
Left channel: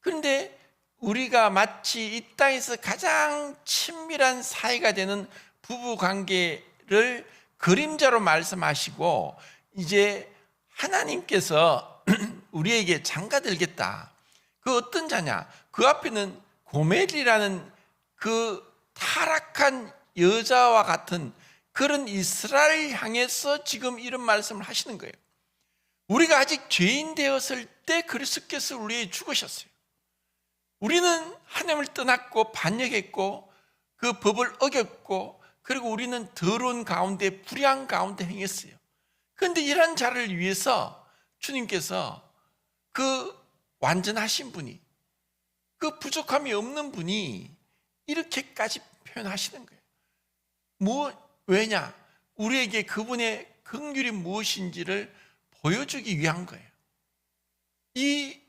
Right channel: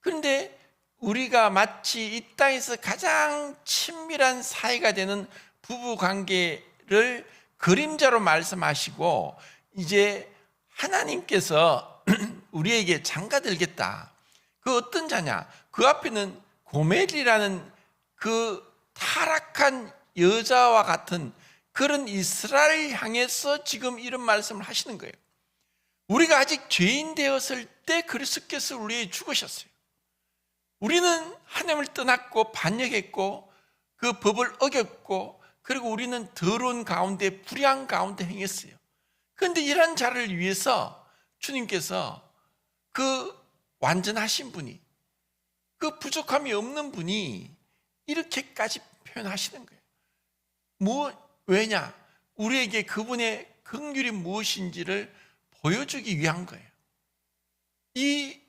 그런데 우리가 마치 이 땅에서 가장 친밀한 사이가 되는 부부 관계를 그림자로 말씀하시고, 이제 하나님께서 우리에게 장가들겠다. 그 어떤 자냐? 그 앞에는 고멜이라는 그 타락한 여자와 같은 그런 이스라엘 향해서 지금 이런 말씀을 하시는 거예요. 우리가 아직 죄인 되었을 때 그리스도께서 우리에게 죽으셨어요. 우리는 하나님을 떠났고 반역했고 그 법을 어겼고, 그리고 우리는 더러운 가운데 불의한 가운데 행했어요. 그런데 이런 자를 위해서 주님께서 그 완전하신 분이, 그 부족함이 없는 분이 이렇게까지 표현하시는 거예요. 왜냐? 우리에게 그분의 긍휼이 무엇인지를 보여주기 위한 거예요. 이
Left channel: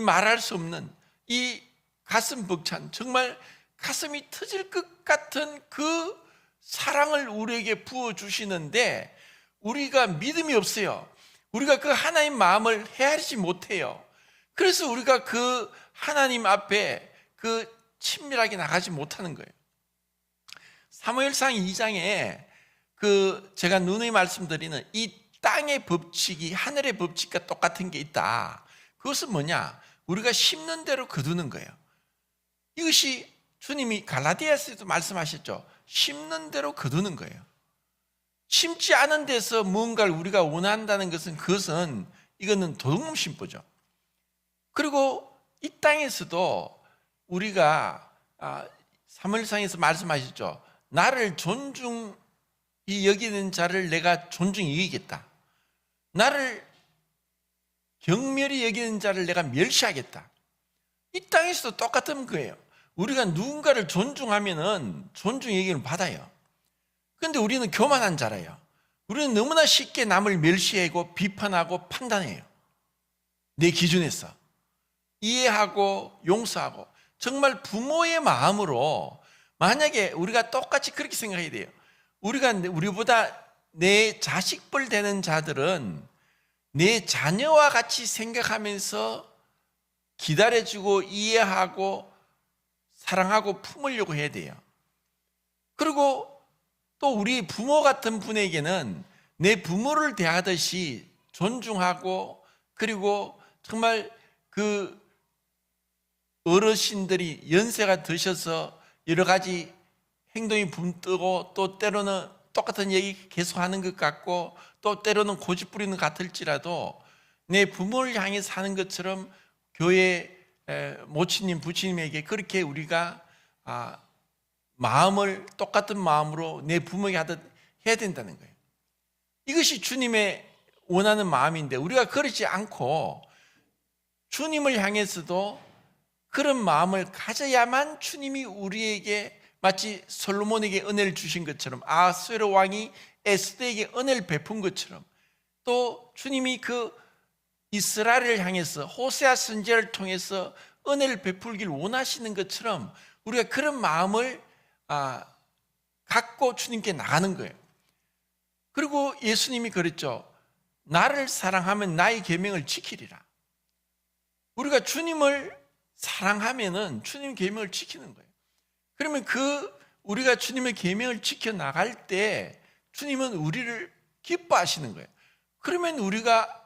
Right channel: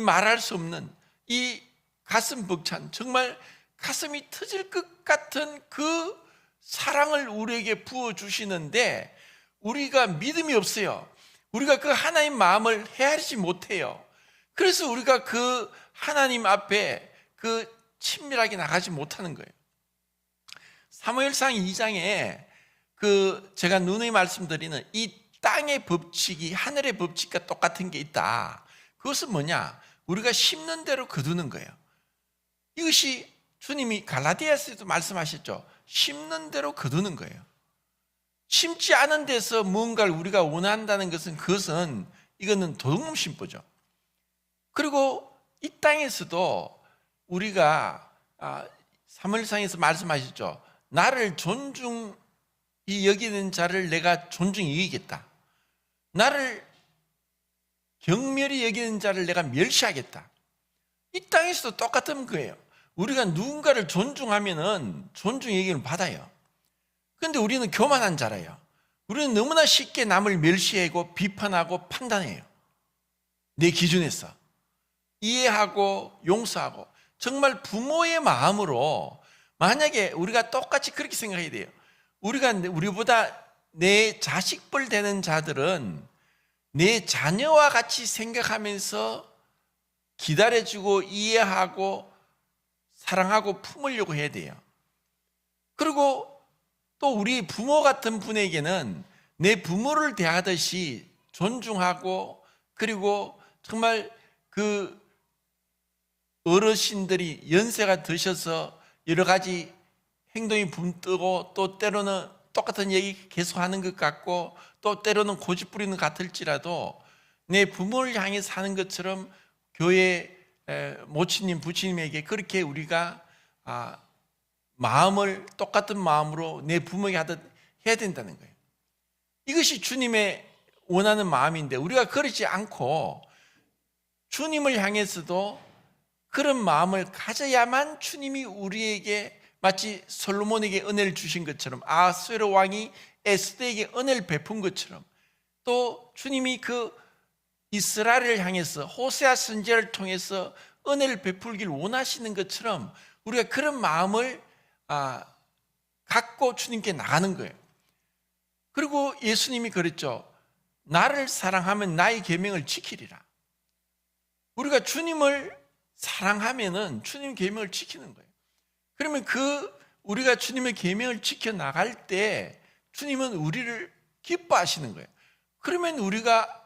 말할 수 없는 이 가슴 벅찬, 정말 가슴이 터질 것 같은 그 사랑을 우리에게 부어주시는데 우리가 믿음이 없어요. 우리가 그 하나님 마음을 헤아리지 못해요. 그래서 우리가 그 하나님 앞에 그 친밀하게 나가지 못하는 거예요. 사무엘상 2장에 그 제가 누누이 말씀드리는 이 땅의 법칙이 하늘의 법칙과 똑같은 게 있다. 그것은 뭐냐? 우리가 심는 대로 거두는 거예요. 이것이 주님이 갈라디아서에도 말씀하셨죠. 심는 대로 거두는 거예요. 심지 않은 데서 무언가를 우리가 원한다는 것은 이거는 도둑놈 심보죠. 그리고 이 땅에서도 우리가 사무엘상에서 말씀하셨죠. 나를 존중히 여기는 자를 내가 존중히 여기겠다. 나를 경멸히 여기는 자를 내가 멸시하겠다. 이 땅에서도 똑같은 거예요. 우리가 누군가를 존중하면은 존중 여기를 받아요. 그런데 우리는 교만한 자라요. 우리는 너무나 쉽게 남을 멸시하고 비판하고 판단해요. 내 기준에서 이해하고 용서하고, 정말 부모의 마음으로 만약에 우리가 똑같이 그렇게 생각해야 돼요. 우리보다 내 자식뻘 되는 자들은 내 자녀와 같이 생각하면서 기다려주고 이해하고 사랑하고 품으려고 해야 돼요. 그리고 또 우리 부모 같은 분에게는 내 부모를 대하듯이 존중하고, 그리고 정말 그 어르신들이 연세가 드셔서 여러 가지 행동이 붐뜨고 또 때로는 똑같은 얘기 계속하는 것 같고 또 때로는 고집 부리는 것 같을지라도 내 부모를 향해 사는 것처럼 교회 모친님 부친님에게 그렇게 우리가 마음을 똑같은 마음으로 내 부모에게 하듯 해야 된다는 거예요. 이것이 주님의 원하는 마음인데 우리가 그러지 않고 주님을 향해서도 그런 마음을 가져야만 주님이 우리에게 마치 솔로몬에게 은혜를 주신 것처럼 아하수에로 왕이 에스더에게 은혜를 베푼 것처럼 또 주님이 그 이스라엘을 향해서 호세아 선지자를 통해서 은혜를 베풀길 원하시는 것처럼 우리가 그런 마음을 갖고 주님께 나가는 거예요. 그리고 예수님이 그랬죠. 나를 사랑하면 나의 계명을 지키리라. 우리가 주님을 사랑하면은 주님 계명을 지키는 거예요. 그러면 우리가 주님의 계명을 지켜 나갈 때 주님은 우리를 기뻐하시는 거예요. 그러면 우리가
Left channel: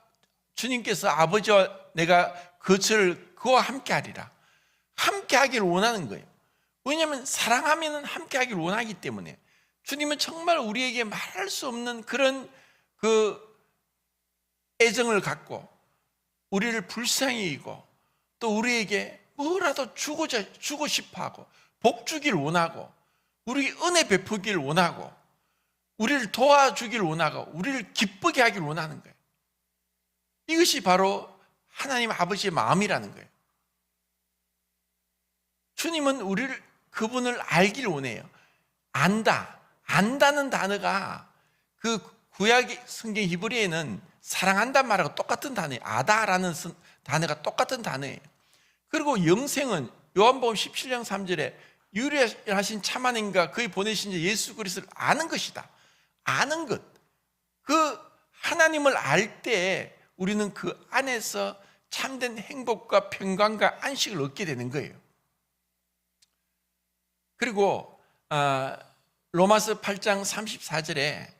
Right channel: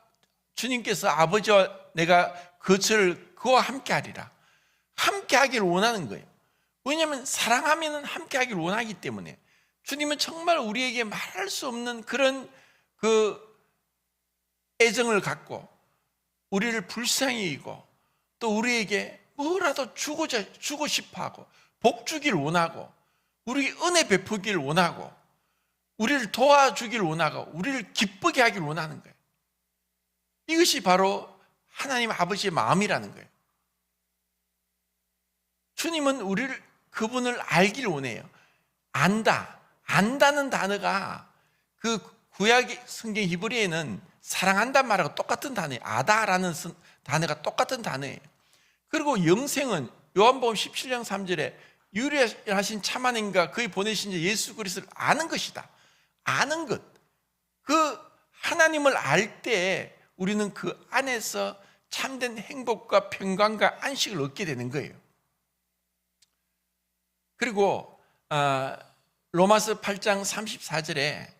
주님께서 아버지와 내가 그와 함께 하리라. 함께 하기를 원하는 거예요. 왜냐하면 사랑하면 함께 하기를 원하기 때문에 주님은 정말 우리에게 말할 수 없는 그런 애정을 갖고 우리를 불쌍히 여기고 또 우리에게 뭐라도 주고 싶어하고 복 주길 원하고 우리 은혜 베푸길 원하고 우리를 도와주길 원하고 우리를 기쁘게 하길 원하는 거예요. 이것이 바로 하나님 아버지의 마음이라는 거예요. 주님은 그분을 알길 원해요. 안다는 단어가 그 구약 성경 히브리에는 사랑한다는 말하고 똑같은 단어예요. 아다라는 단어가 똑같은 단어예요. 그리고 영생은 요한복음 17장 3절에 유일하신 참 하나님과 그의 보내신 예수 그리스도를 아는 것이다. 아는 것. 그 하나님을 알 때 우리는 그 안에서 참된 행복과 평강과 안식을 얻게 되는 거예요. 그리고 로마서 8장 34절에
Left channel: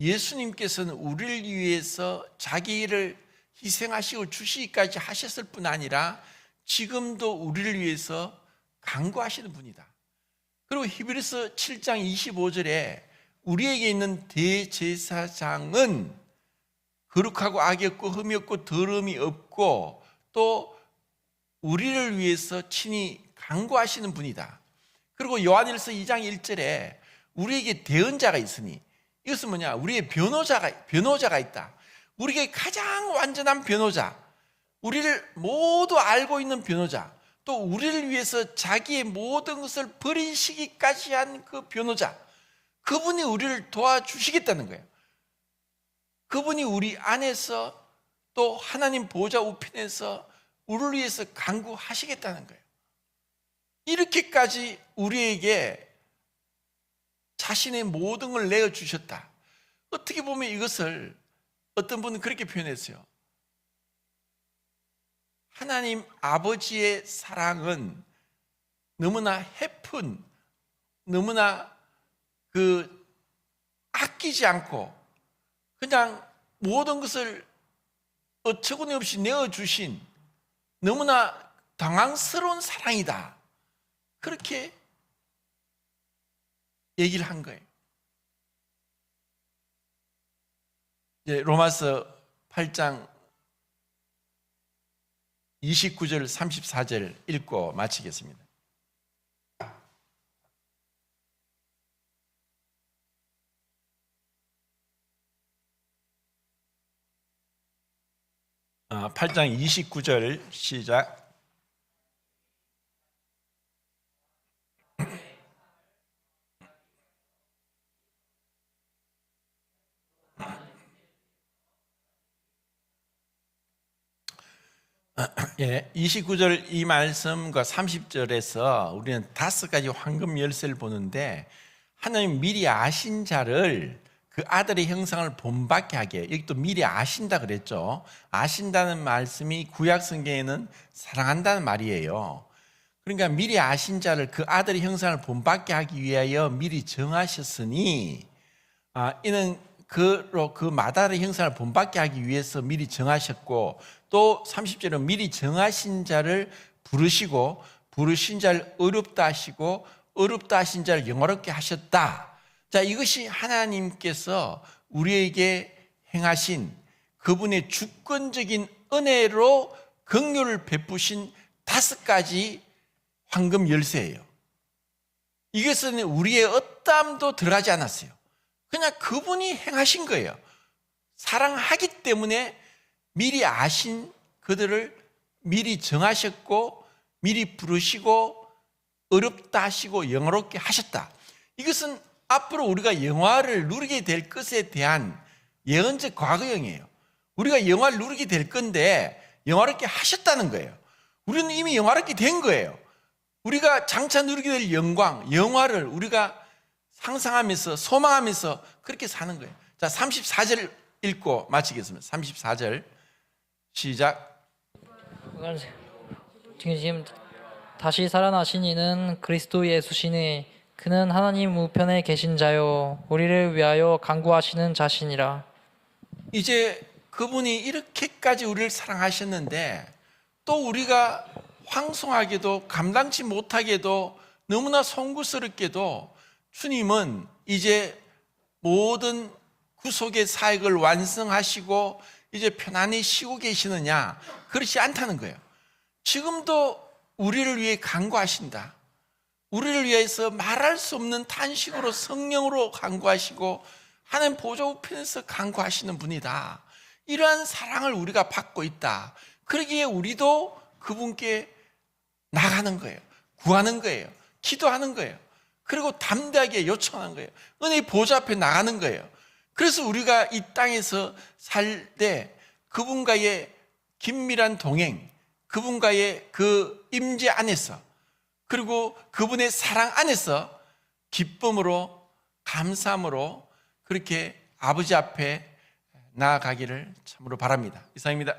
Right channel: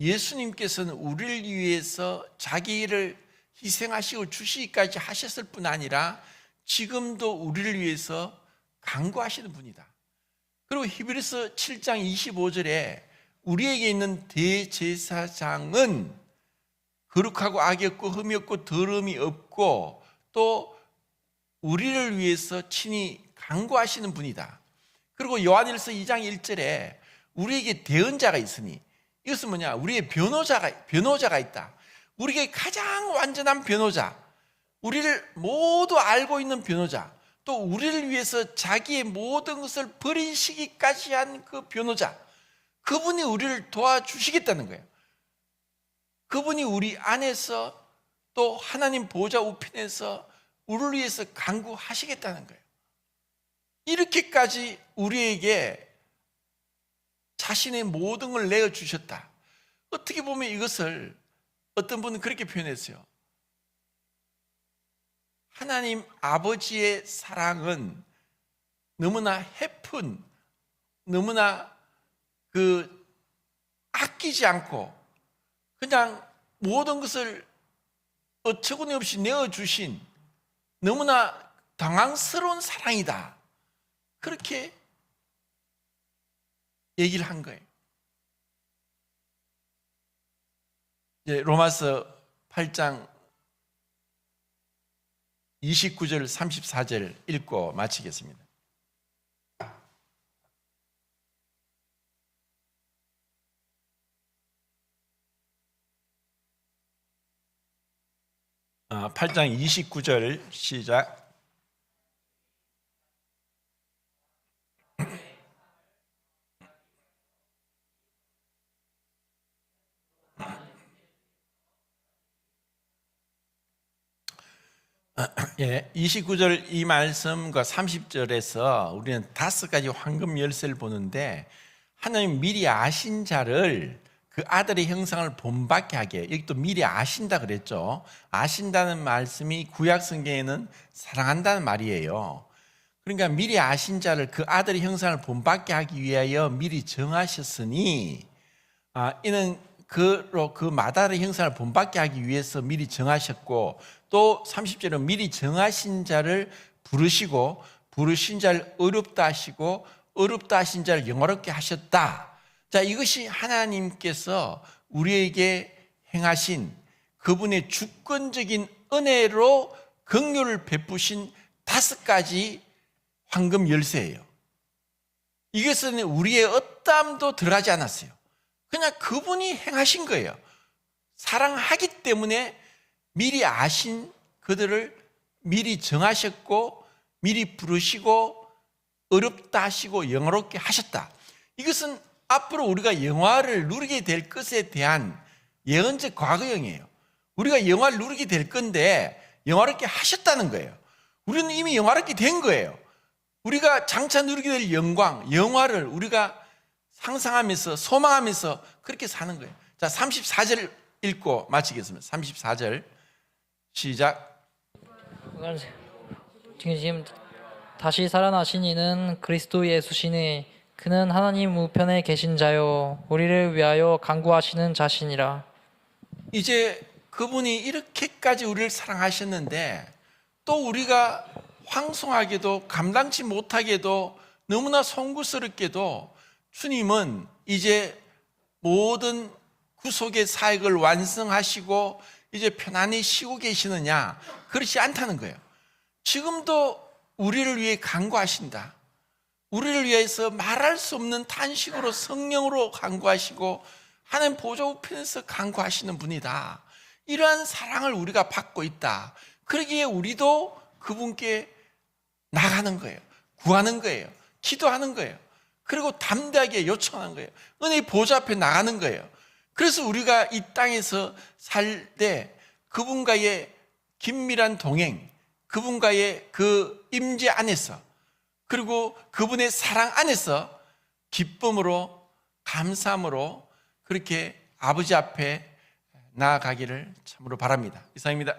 예수님께서는 우리를 위해서 자기를 희생하시고 주시기까지 하셨을 뿐 아니라 지금도 우리를 위해서 간구하시는 분이다. 그리고 히브리서 7장 25절에 우리에게 있는 대제사장은 거룩하고 악이 없고 흠이 없고 더러움이 없고 또 우리를 위해서 친히 간구하시는 분이다. 그리고 요한일서 2장 1절에 우리에게 대언자가 있으니 이것은 뭐냐? 우리의 변호자가 있다. 우리에게 가장 완전한 변호자, 우리를 모두 알고 있는 변호자, 또 우리를 위해서 자기의 모든 것을 버리시기까지 한 그 변호자, 그분이 우리를 도와주시겠다는 거예요. 그분이 우리 안에서 또 하나님 보좌 우편에서 우리를 위해서 간구하시겠다는 거예요. 이렇게까지 우리에게 자신의 모든 걸 내어주셨다. 어떻게 보면 이것을 어떤 분은 그렇게 표현했어요. 하나님 아버지의 사랑은 너무나 해픈, 너무나 아끼지 않고 그냥 모든 것을 어처구니 없이 내어주신 너무나 당황스러운 사랑이다. 그렇게 얘기를 한 거예요. 이제 로마서 8장 29절 34절 읽고 마치겠습니다. 어, 8장 29절 시작. 예, 29절 이 말씀과 30절에서 우리는 5가지 황금 열쇠를 보는데 하나님 미리 아신 자를 그 아들의 형상을 본받게 하게, 여기 또 미리 아신다 그랬죠. 아신다는 말씀이 구약 성경에는 사랑한다는 말이에요. 그러니까 미리 아신 자를 그 아들의 형상을 본받게 하기 위하여 미리 정하셨으니 이는 그 마다의 형상을 본받게 하기 위해서 미리 정하셨고, 또 30절은 미리 정하신 자를 부르시고 부르신 자를 어렵다 하시고 어렵다 하신 자를 영화롭게 하셨다. 자, 이것이 하나님께서 우리에게 행하신 그분의 주권적인 은혜로 긍휼을 베푸신 5가지 황금 열쇠예요. 이것은 우리의 어떠함도 덜하지 않았어요. 그냥 그분이 행하신 거예요. 사랑하기 때문에 미리 아신 그들을 미리 정하셨고 미리 부르시고 어렵다 하시고 영화롭게 하셨다. 이것은 앞으로 우리가 영화를 누리게 될 것에 대한 예언적 과거형이에요. 우리가 영화를 누리게 될 건데 영화롭게 하셨다는 거예요. 우리는 이미 영화롭게 된 거예요. 우리가 장차 누리게 될 영광, 영화를 우리가 상상하면서 소망하면서 그렇게 사는 거예요. 자, 34절 읽고 마치겠습니다. 34절 시작. 지금 다시 살아나신 이는 그리스도 예수시니 그는 하나님 우편에 계신 자요 우리를 위하여 간구하시는 자시니라. 이제 그분이 이렇게까지 우리를 사랑하셨는데 또 우리가 황송하게도 감당치 못하게도 너무나 송구스럽게도 주님은 이제 모든 구속의 사역을 완성하시고 이제 편안히 쉬고 계시느냐? 그렇지 않다는 거예요. 지금도 우리를 위해 간구하신다. 우리를 위해서 말할 수 없는 탄식으로 성령으로 간구하시고 하나님 보좌 우편에서 간구하시는 분이다. 이러한 사랑을 우리가 받고 있다. 그러기에 우리도 그분께 나가는 거예요. 구하는 거예요. 기도하는 거예요. 그리고 담대하게 요청하는 거예요. 은혜의 보좌 앞에 나가는 거예요. 그래서 우리가 이 땅에서 살 때 그분과의 긴밀한 동행, 그분과의 그 임재 안에서 그리고 그분의 사랑 안에서 기쁨으로 감사함으로 그렇게 아버지 앞에 나아가기를 참으로 바랍니다. 이상입니다.